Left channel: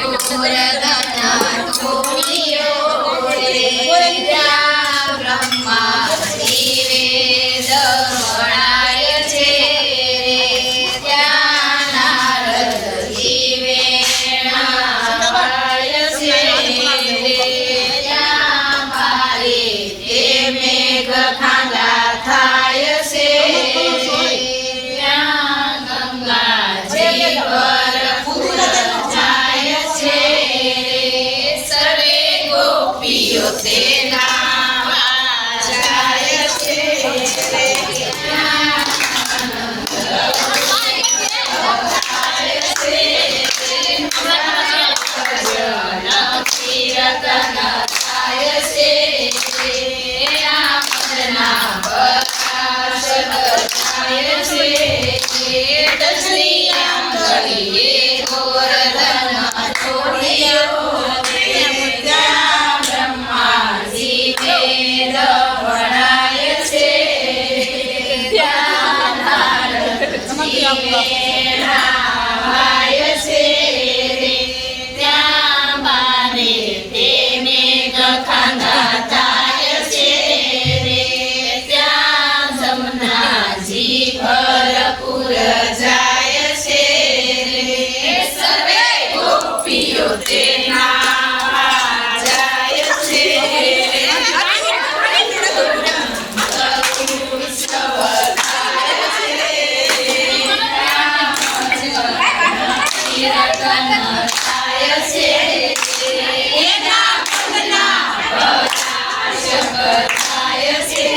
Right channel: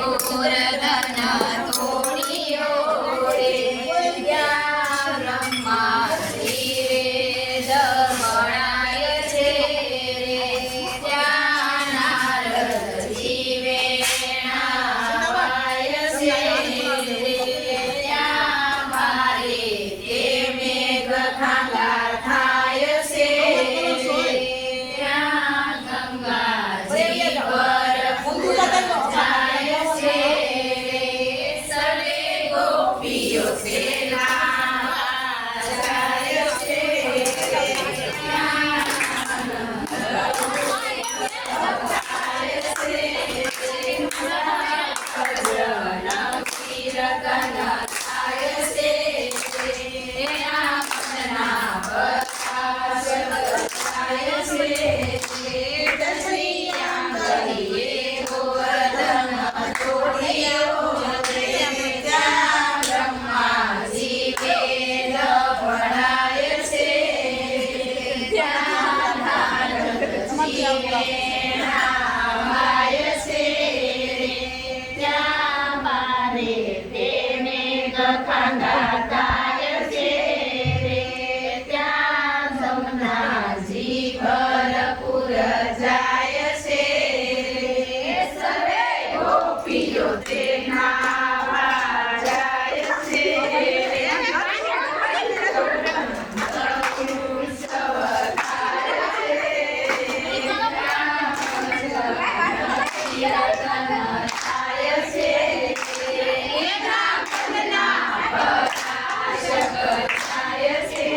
ગોવર્ધન તોડિયો રે ત્યાં બ્રહ્માજી વેદ વણાય છે રે ત્યાં નારદજી વેણા વાય છે ત્યાં બારે તે મેઘ ખાંગા થાય છે ત્યાં ગંગાજી ભરપૂર જાય છે સરે ગોપીઓ તે નાવા જાય છે ત્યાં કીર્તન થાય છે રામના પ્રકાશ થાય છે શ્રી આંગળીએ ગોવર્ધન તોડિયો રે ત્યાં બ્રહ્માજી વેદ વણાય છે ત્યાં નારદજી વેણા વાય છે રે ત્યાં બારે તે મેઘ ખાંગા થાય છે રે ત્યાં જમનાજી ભરપૂર જાય છે રે સર્વે ગોપીઓ તે નાવા જાય છે ઉત્સવ થાય છે કીર્તન થાય છે એના પગના પ્રકાશ થાય છે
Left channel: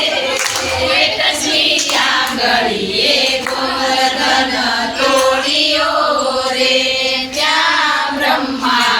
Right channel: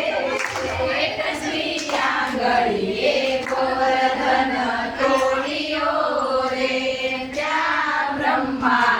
શ્રી આંગળીએ ગોવર્ધન તોડિયો રે ત્યાં બ્રહ્મા